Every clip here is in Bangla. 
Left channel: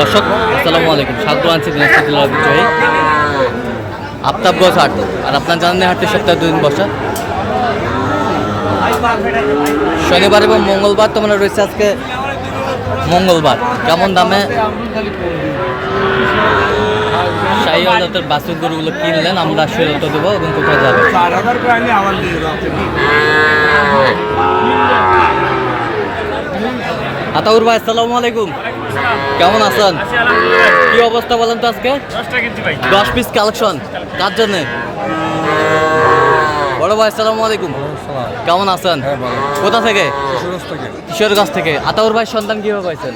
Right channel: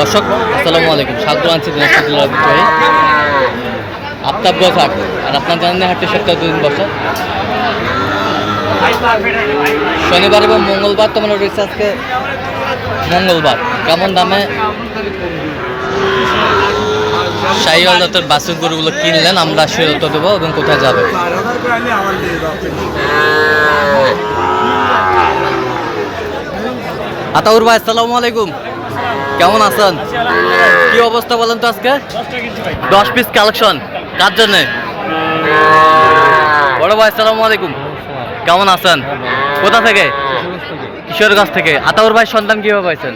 দর্শক, আসসালামু আলাইকুম। স্বাগত আনছি, দিনাজপুর ঐতিহ্যবাহী আফতাবগঞ্জ হাট। আর আপনার জানেন হাটটি সপ্তাহে দুদিন বসে। শনিবার এবং মঙ্গলবার তো মানে রয়েছে আজকে মঙ্গলবার। কেমন দামে শাহী আদালতের বাসের গরুগুলো কিনলেন? আমরা সেরত দেবো এবং কোথায় যাবে? আতাউর ভাই, আসসালামু আলাইকুম। কেমন আছেন? কি অবস্থা বলেন তো আজকে? দশ পিস কালেকশন কার জন্যে? বড় ভাই আসসালামু আলাইকুম। কেমন আছেন? কোথা থেকে? কিশোরগঞ্জ থেকে। আতাউর ভাই সন্তান কীভাবে পাইছেন?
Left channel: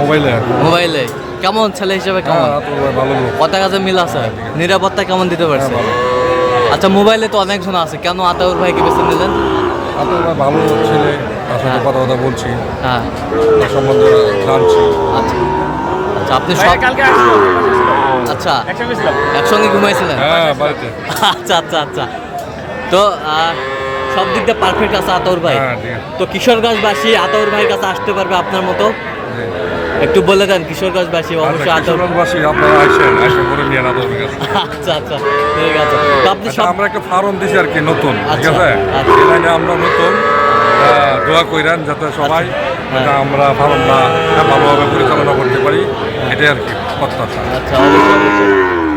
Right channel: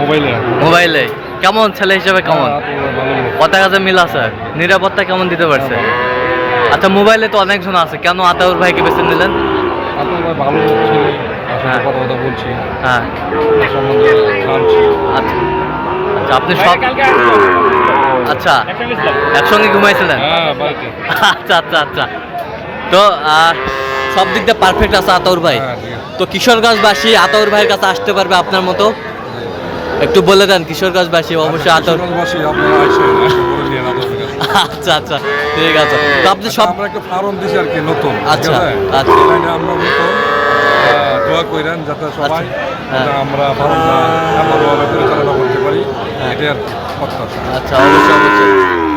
মোবাইলে। মোবাইলে। কেমন? ছেলে হিসেবে কেমন? ভালো কথা কাছে মিল আছে? নিরাপত্তা কেমন দিতে পারছে? আচ্ছা মোবাইলে তো অনেকজন আছে। কেন আতাউর ভাইকে বেছে নিলেন? আপনার ভাই ভালো ছেলে। সাথে হ্যাঁ। কথা কথা বলছি। হ্যাঁ। সম্বন্ধে জানছি। আচ্ছা। আচ্ছা আপনি সব আচ্ছা। একসঙ্গে ঘুমাইছিলেন? হ্যাঁ আচ্ছা আচ্ছা আচ্ছা। তো সব দিক দিয়ে পারফেক্ট আছে আতর ভাই। হ্যাঁ তো কিশোরগঞ্জবাসী আতর ভাইয়ের কাছে আসতে পারবে আপনার মতো? একটু বলে দেন কিশোরগঞ্জবাসী অবশ্যই আতর আপনারা আসেন আচ্ছা আচ্ছা ঠিক আছে। তো আপনি আচ্ছা, সব আমরা একটা ফার্ম দিছি আর কি নতুন আচ্ছা, আচ্ছা। আমরা নতুন। দোয়া কইরেন যাতে সবাই হ্যাঁ। আমরা ফার্মটা ভালোভাবে পরিচালনা করতে পারি এটাই আর কি কথা আচ্ছা অবশ্যই অবশ্যই।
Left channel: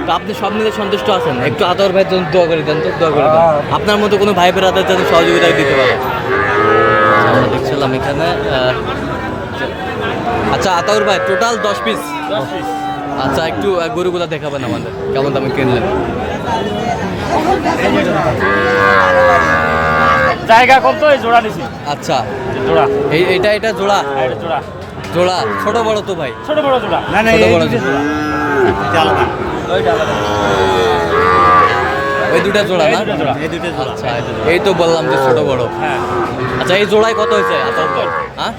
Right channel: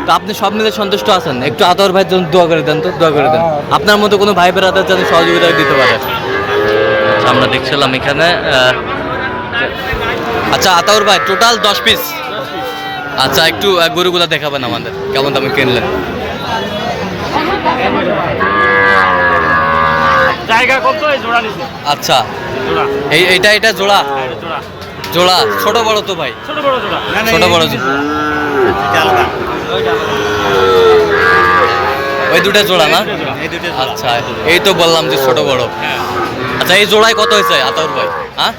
তো আপনি সব মিলে সন্তুষ্ট আছেন? একটু আতর ভাইয়ের জন্য দোয়া করে দেন তো দোয়া করে দেন। হ্যাঁ। আপনার মতো কোনো ভাই বেড়াতে যাতে সহযোগিতা দিতে পারে? আচ্ছা, আমরা দেখছিলাম এখানে আচ্ছা আতাউর ভাই টোটাল দশ পিস আচ্ছা একটু গরুগুলা দেখাবেন আমাদের। কেমন দামে কিনলেন? জায়গা কত এই জোড়া নিছি। আচ্ছা। জোড়া। এই এইটা এটা জোড়া? হ্যাঁ, এটা জোড়া। জোড়া? ছোট বড় তো ভাই। ছোট বড় জোড়া। ছোট বড় জোড়া। এটা আলাদা। ওই দুটা জোড়া না? এই দুটো আচ্ছা এই তো বললাম যে ছোট বড়। হ্যাঁ। আচ্ছা এই জোড়ায় কত হয়েছে আতাউর ভাই? হ্যাঁ?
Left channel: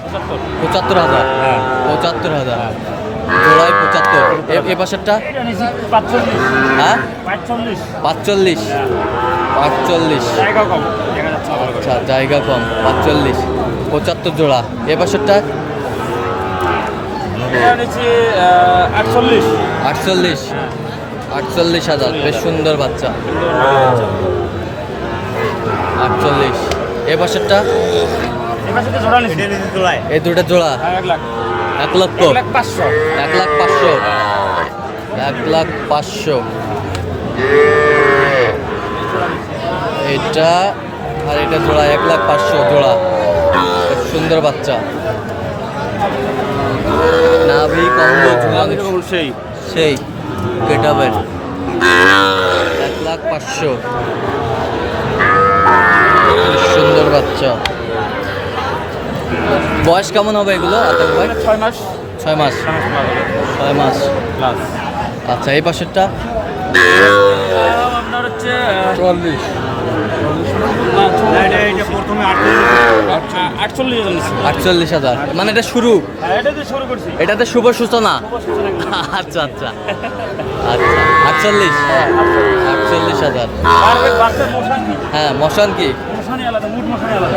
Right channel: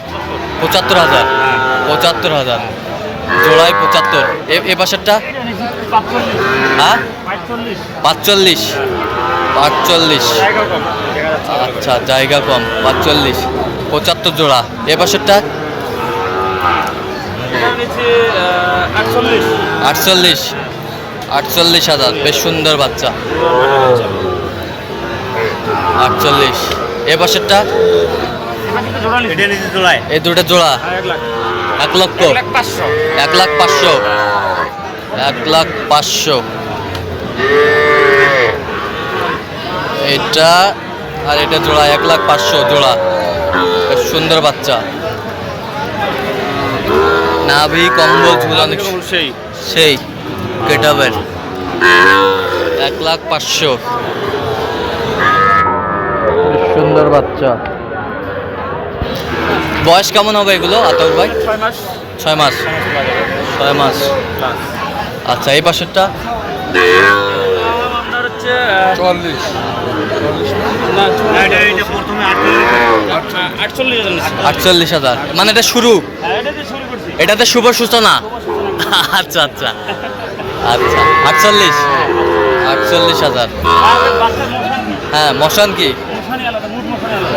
পঁচাত্তর হাজার। হ্যাঁ। পঁচাত্তর হাজার। জোড়ায় পঁচাত্তর। এ- এ পাশেরটা? এটা হ্যাঁ? পাঁচচল্লিশ। পাঁচচল্লিশ। আচ্ছা জায়গা কম, পাঁচচল্লিশ, পঁচাত্তর জোড়া। এ বছরটা আটচল্লিশ আটচল্লিশ হাজার, বেশ সুন্দর বাচ্চা। আটচল্লিশ, এ বছরটা এই দুটো জোড়া। এক লক্ষ, এক লাখ পাঁচশো, এক লাখ পাঁচশো। এটা আর এটা জোড়া এক লাখ পাঁচশো জোড়া। সুন্দর বাচ্চা। নাভি কম্বল ঝুলানো সেই। সেই। কেটাবের। এক লাখ পাঁচশো। সুন্দর বাচ্চা। বয়স কেমন হবে এগুলো আতর ভাই? ছয় মাস। ছয় মাস। ছয় মাস আচ্ছা এই পাশেরটা? চল্লিশ আটচল্লিশ হাজার। মানে এটা শুরু। হ্যাঁ এটা দিয়ে শুরু করছি এটাতে শুভ সূচনা আচ্ছা আচ্ছা। আচ্ছা আটচল্লিশ। আটচল্লিশ হাজার। হ্যাঁ মশান কি?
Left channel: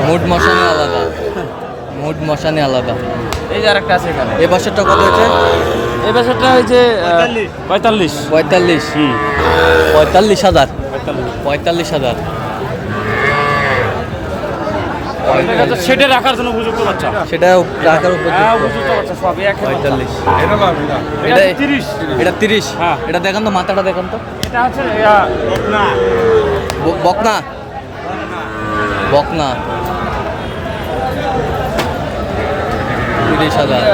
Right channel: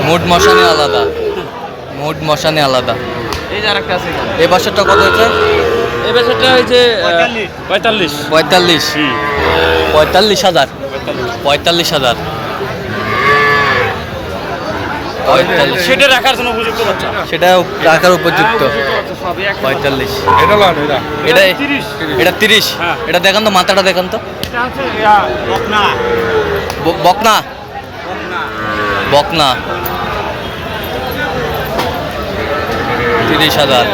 মুড মশানি আলাদা। মুড মশানে আলাদা। এই যে আরেকটা আছে এই পাশেরটা কত হয়েছে? এই বছরটা হয়েছে পঁয়তাল্লিশ। পঁয়তাল্লিশ। পঁয়তাল্লিশ। হাজার। পঁয়তাল্লিশ হাজার। পঁয়তাল্লিশ। সেটা রাখার জন্য উপযুক্ত বাচ্চা। সেটা রাখার উপযুক্ত। পঁয়তাল্লিশ। এটা এটা এটা তিরিশ। এটা তিরিশ। হ্যাঁ। এটা দেখান তো মাথাটা দেখান তো। এটা হচ্ছে ইয়া, বকনা। ব- বকনা। বকনা। তিরিশ হাজার।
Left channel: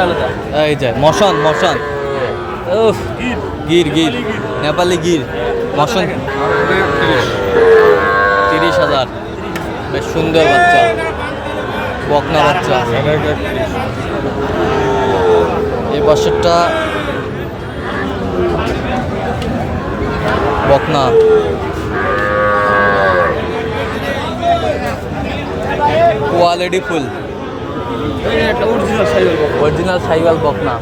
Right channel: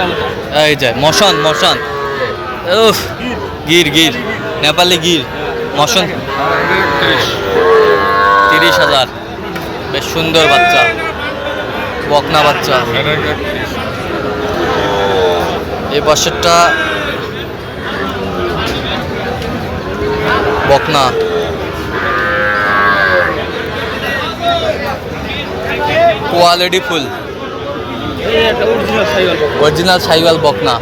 এই যে মশন মশন। উফ গির। গির নেপালি গির। মশন। তিরিশ হাজার। বেশ সুন্দর বাচ্চা। বকনা বাচ্চা। এই বছরটা বকনা। Quality full. অরিজিনাল সাইওয়াল বকনা।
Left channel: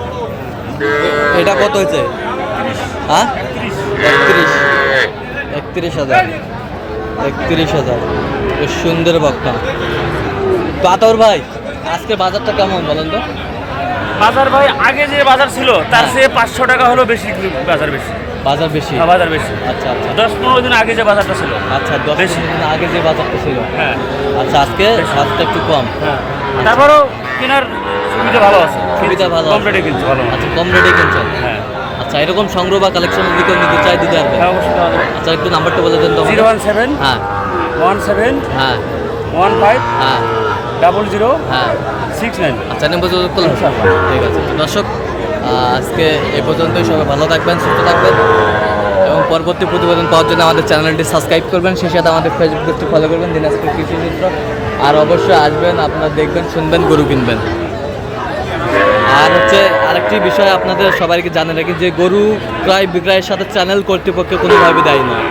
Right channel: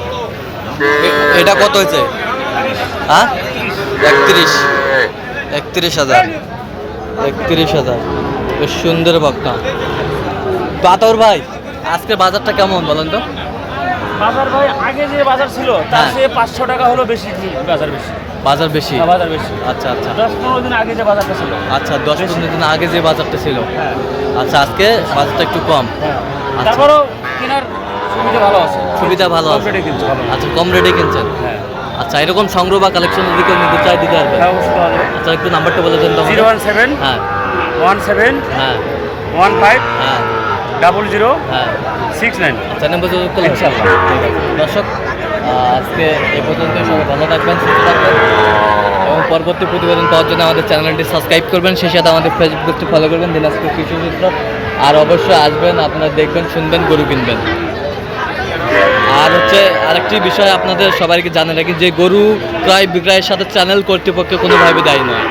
এটা কত হয়েছে? হ্যাঁ? একত্রিশ। একত্রিশ হাজার। একত্রিশ হাজার। বেশ সুন্দর বকনা। তো আতর ভাই আজকে বাজারটা কেমন বলেন তো? বাজার ভাই আগে যে বাজার ছিল তার হ্যাঁ। চেয়ে পাঁচশো টাকা হলো বেশি বাজার বেশি। বাজার বেশি? হ্যাঁ, বাজার বেশি। আচ্ছা আচ্ছা। দশ পনেরো দিন আগে যে বাজারটা ছিল। আচ্ছা দশ। পনেরো দিন আগে যে বাজারটা ছিল। হ্যাঁ। আচ্ছা আজকে বাজারটা একটু কম। হ্যাঁ। তারপরেও কেনার সুবিধা ভালো আছে। সুবিধা ভালো কম। রেটে কিনছে ভালো আচ্ছা কম রেটে কিনছেন হ্যাঁ। আচ্ছা এরকম সংগ্রহ বা কালেকশনের দিকেও নিতে চাই দিতে পারবেন। হ্যাঁ আচ্ছা একটু নাম্বারটা বলে দেন তো জিরো ওয়ান সেভেন হ্যাঁ। ওয়ান সেভেন হ্যাঁ। ওয়ান ফাইভ হ্যাঁ। ডাবল জিরো হ্যাঁ। Six nine. আচ্ছা নম্বর যোগাযোগ করলাম ইনশাআল্লাহ। ঠিক আছে। দর্শক আজকে এ পর্যন্তই। সবাই ভালো থাকবেন সুস্থ থাকবেন এবং পরবর্তী প্রতিবেদন পাওয়ার জন্য আমাদের চ্যানেলটি সাবস্ক্রাইব করবেন। সেই সাথে আমাদের ফেসবুক পেজটি ফলো করবেন দিনাজপুর কৃষি চিত্র আর অবশ্যই আসবেন আপনারা দেখবেন শুনবেন গরু কিনবেন। আর হচ্ছে আরেকটি বিষয় আপনাদের সবাইকে জানে রাখি যে গরু ক্রয় বিক্রয়ের সাথে চ্যানেল কর্তৃপক্ষ কোনোভাবে দায়ী নয়।